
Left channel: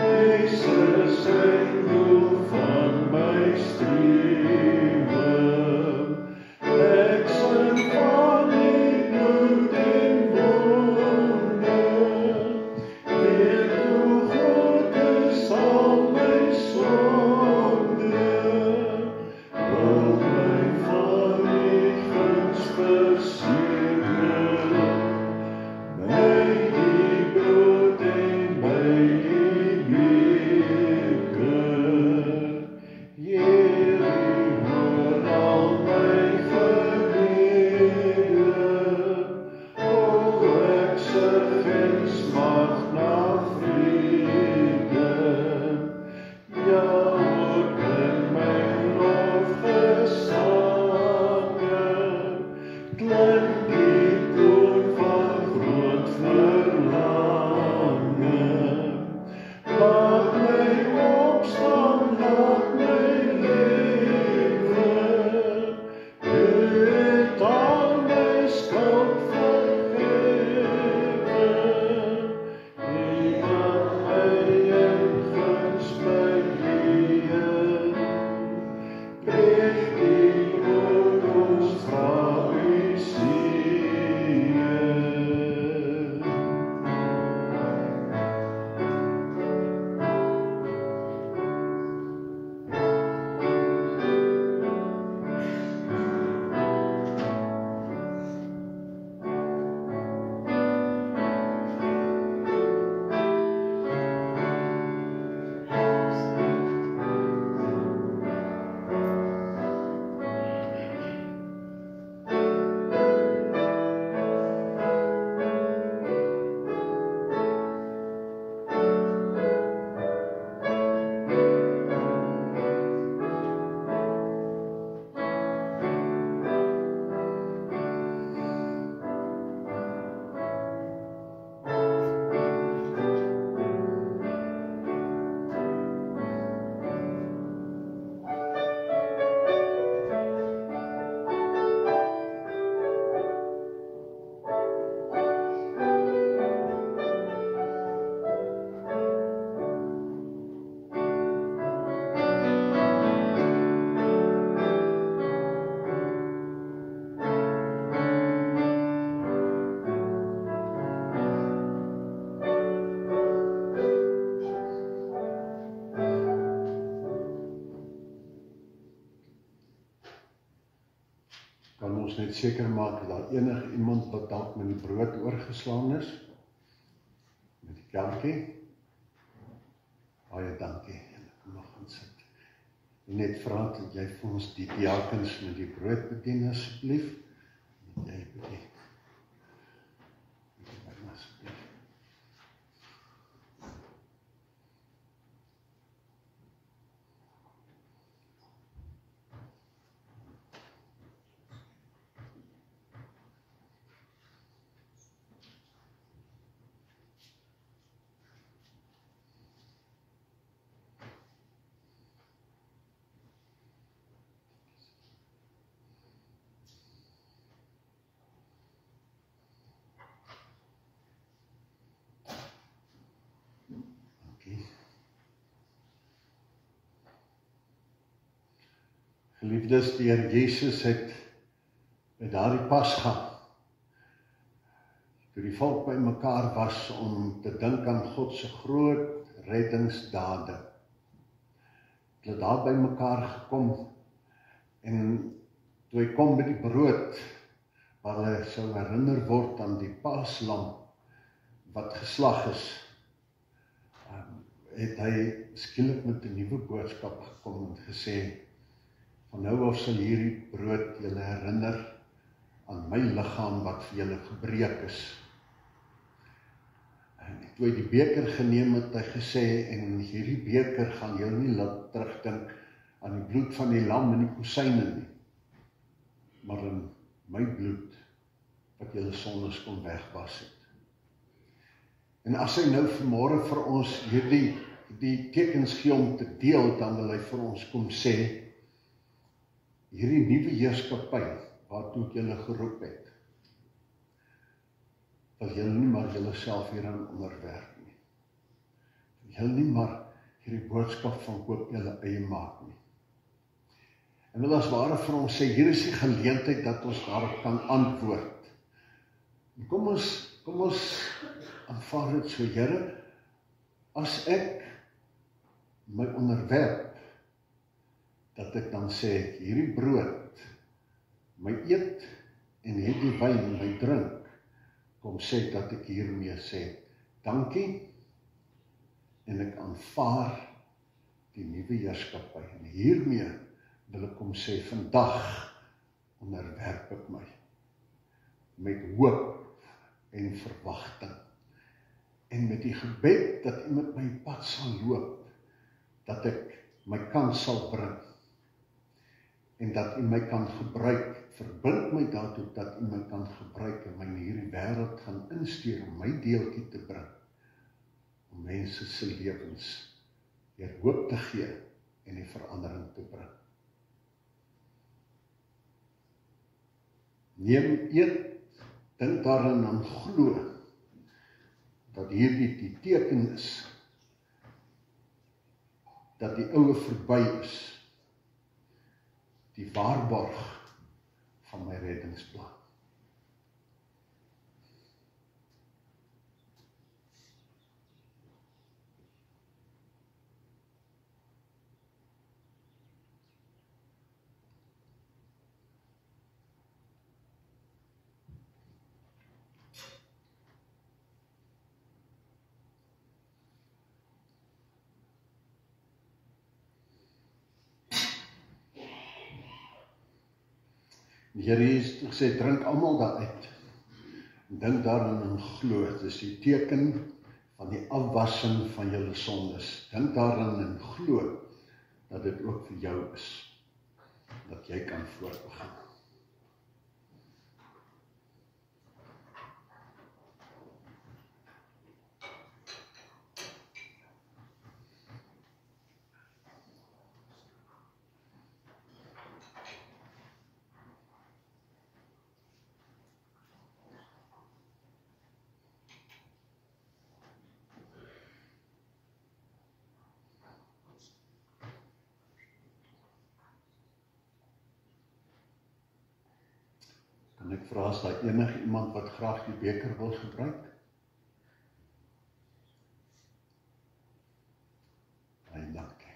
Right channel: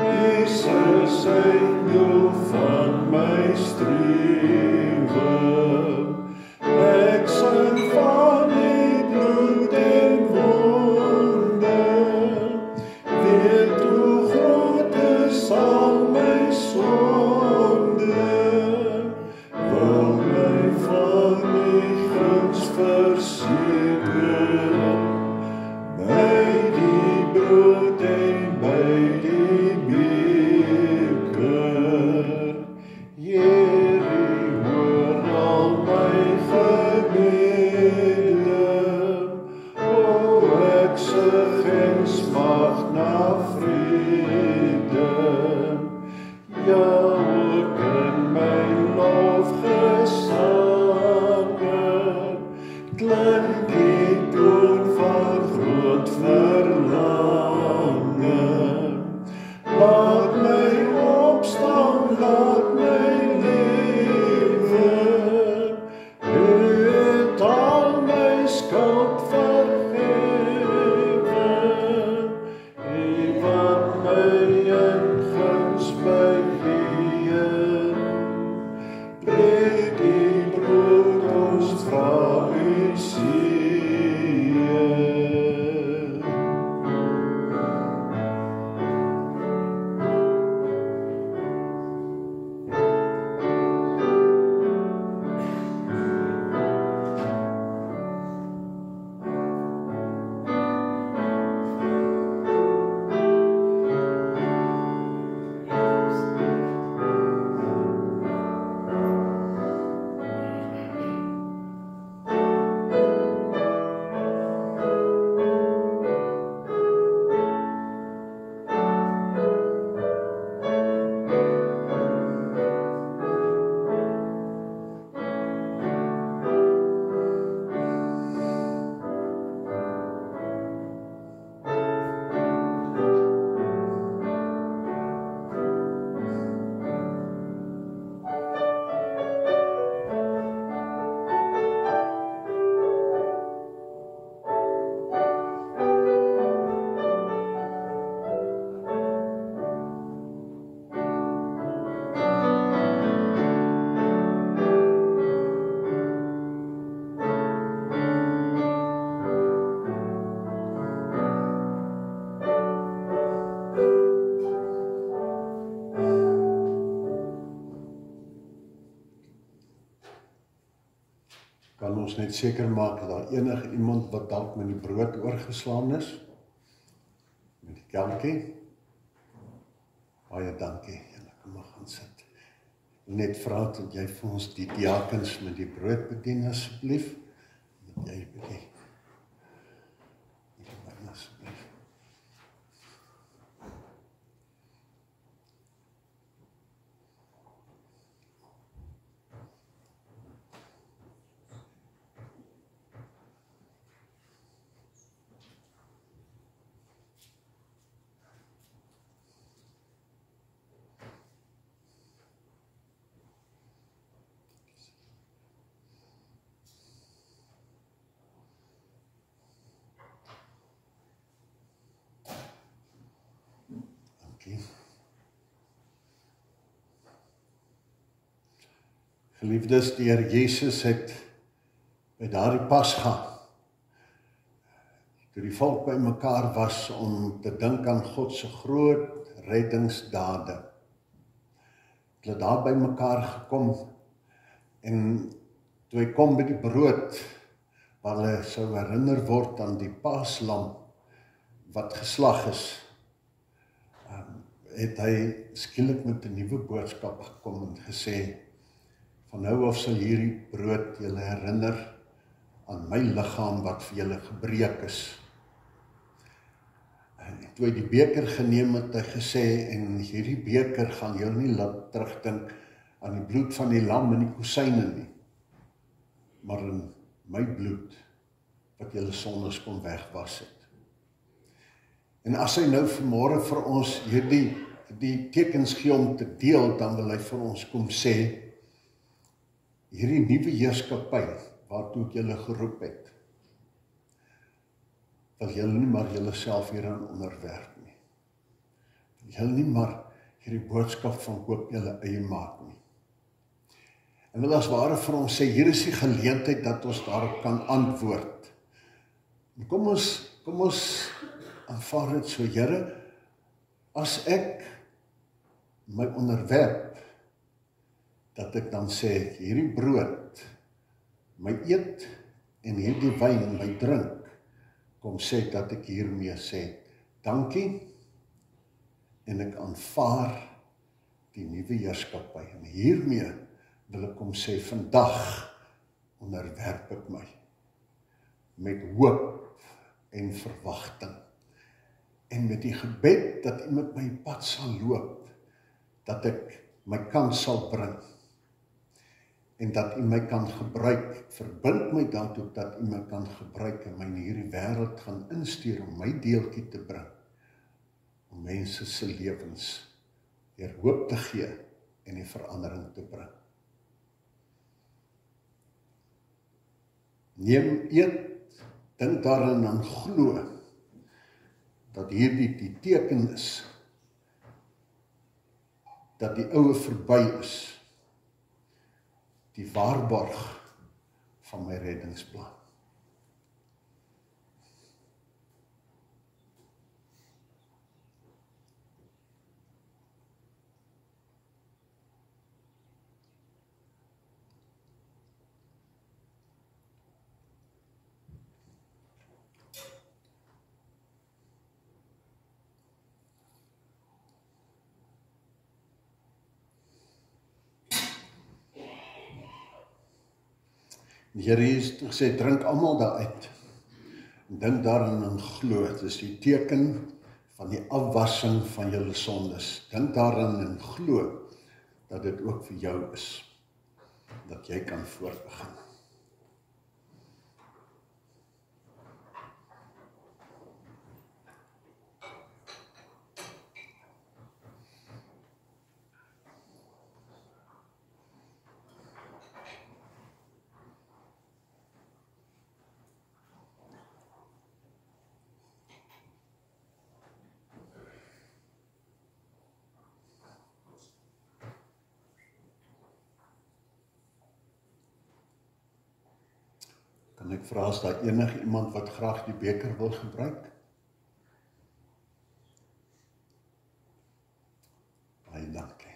Jesus zijn doel van my strewe, ek sing van die bloed en wonde, weet hoe groot is al my sonde, wil my van die guns verseker, by die brood en by die beker. Here, hoor al my gebede, o ek sug en smag na vrede, ja ook in my lofgesange, klink die toon van groot verlange. Laat my opstaan, laat my lewe, U het al my skuld vergewe, U wat my in guns my Heer, breek die brood, ons vra U seën. Kan ons net seker maak dat daar enige iemand wat dalk met die brood oorgeslaan is, met die kelkie? Baie dankie, julle kan nog gaan sit. Net vra dat jy vir ons die diakens met die brood bedien asseblief, dat jy bedien. Asseblief. Geliefdes, die Here Jesus het by daardie Pasga, toe die volk by mekaar was om te dink aan God se groot reddingsdade. Hulle daar by mekaar gekom en toe hy kom by die brood, waar hulle sou herinner word aan die paaslam wat geslag is, het hy skielik met 'n nuwe boodskap gekom en gesê, van nou af sal hierdie brood julle herinner aan my liggaam wat vir julle gebreek is. En toe hy die beker geneem het, hy gesê, en hierdie beker gaan julle nie laat terugdink aan die bloed van die lam en die kozijne nie, maar in my bloed, wat julle sondes kon wegwas het. En as hy nou vanmôre vir ons die tekens gee om te deel, dan wil hy vir ons kom sê, hierdie nuwe heerskappy, waartoe ek julle geroep het, wil julle nie maar julle self hieraan onderwerp nie. Wil julle nie maar hierdie boodskap van koop julle eie maak nie. En wil as ware vir ons sê, hier is die geleentheid dat ons daarop kan antwoord. En kom ons aanvaar dit so, Here, as ek my onderwerp, dat ek dan sê, hierdie brood, my eet, en hierdie wyn, my drink, kom sê dat ek hiermee sê, dankie, en ek aanvaar die nuwe heerskappy. En hiermee wil ek kom sê, vandag onderwerp ek my, met hoop en verwagting, en met die gebed dat U met my pad sal loop, dat ek my kans sal bring, en dat U my kan gebruik, verbind my daartoe dat U my kan gebruik, en my in hierdie wêreld gaan instuur, om my deeltjie te bring, om mense se lewens weer hoop te gee, en die verandering te bring. Neem, eet, dink daarin en glo, dat hierdie die teken is, dat die oue verby is, die waarborg van my reddingsplan. Die Here het gesê, drink almal daaruit, en dink daarin en glo, dit is die teken van die afwassing van julle sondes. Dink daarin en glo, dat dit ook vir jou is, dat jy kan voortbegin. Kan ek vra, is daar enige iemand wat graag die beker wil gebruik? Baie dankie.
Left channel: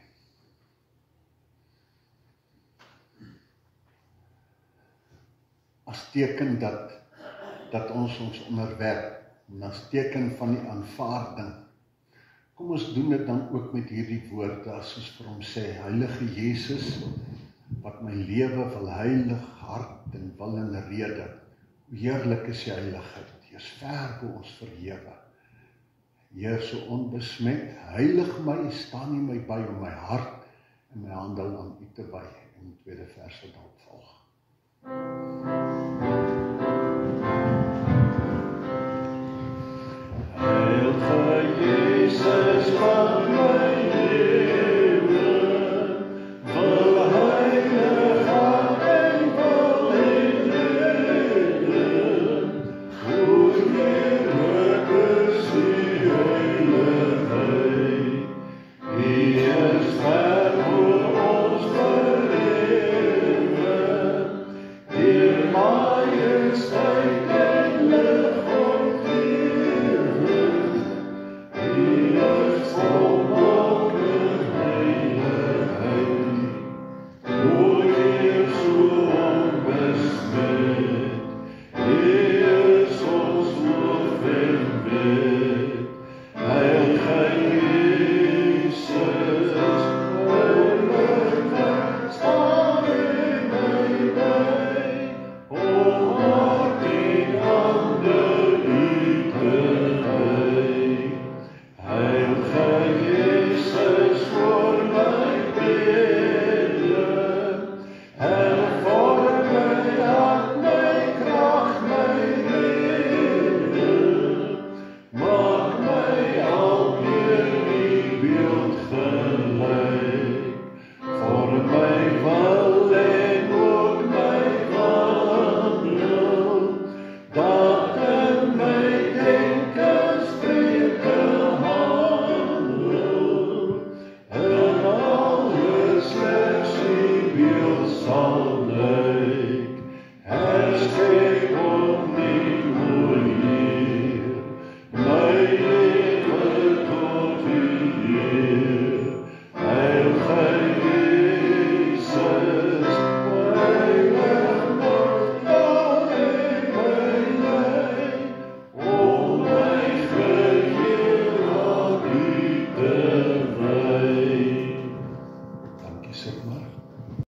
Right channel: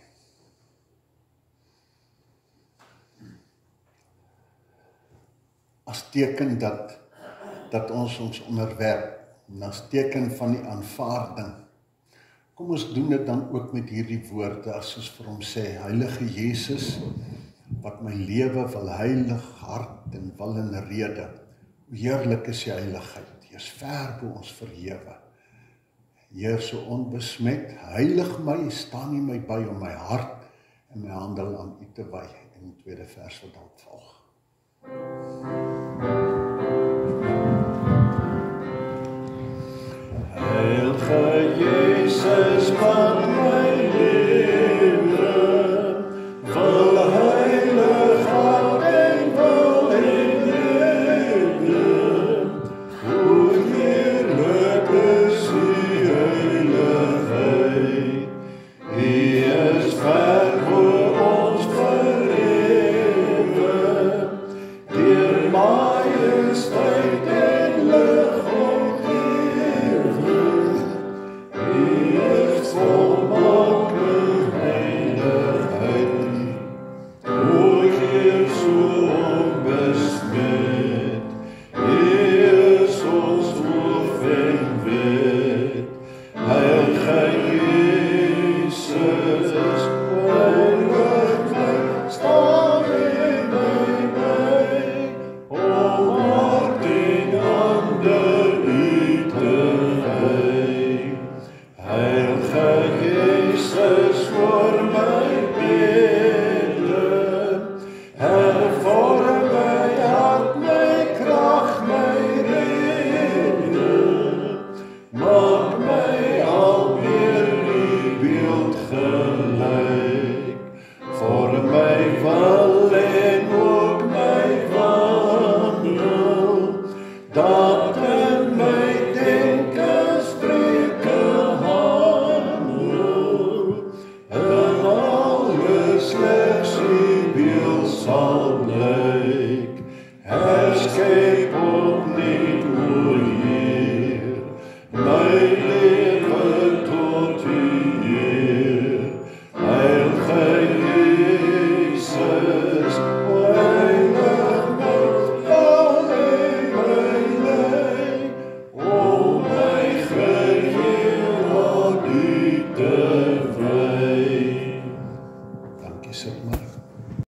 As teken dat ons onderwerp, en as teken van die aanvaarding, kom ons doen dit dan ook met hierdie woorde, as ons vir hom sê, Heilige Jesus, wat my lewe wil heilig, hart en wil en rede. Hoe heerlik is die heiligheid, die is ver bo ons verhewe. Heer, so onbesmet, heilig my, staan U my by om my hart en my handel aan U te wy. En die tweede vers wat dan volg. Heilige Jesus, wat my lewe wil heilig hart en wil en rede. Hoe heerlik is die heiligheid, U is ver voor ons verhewe. sal bly.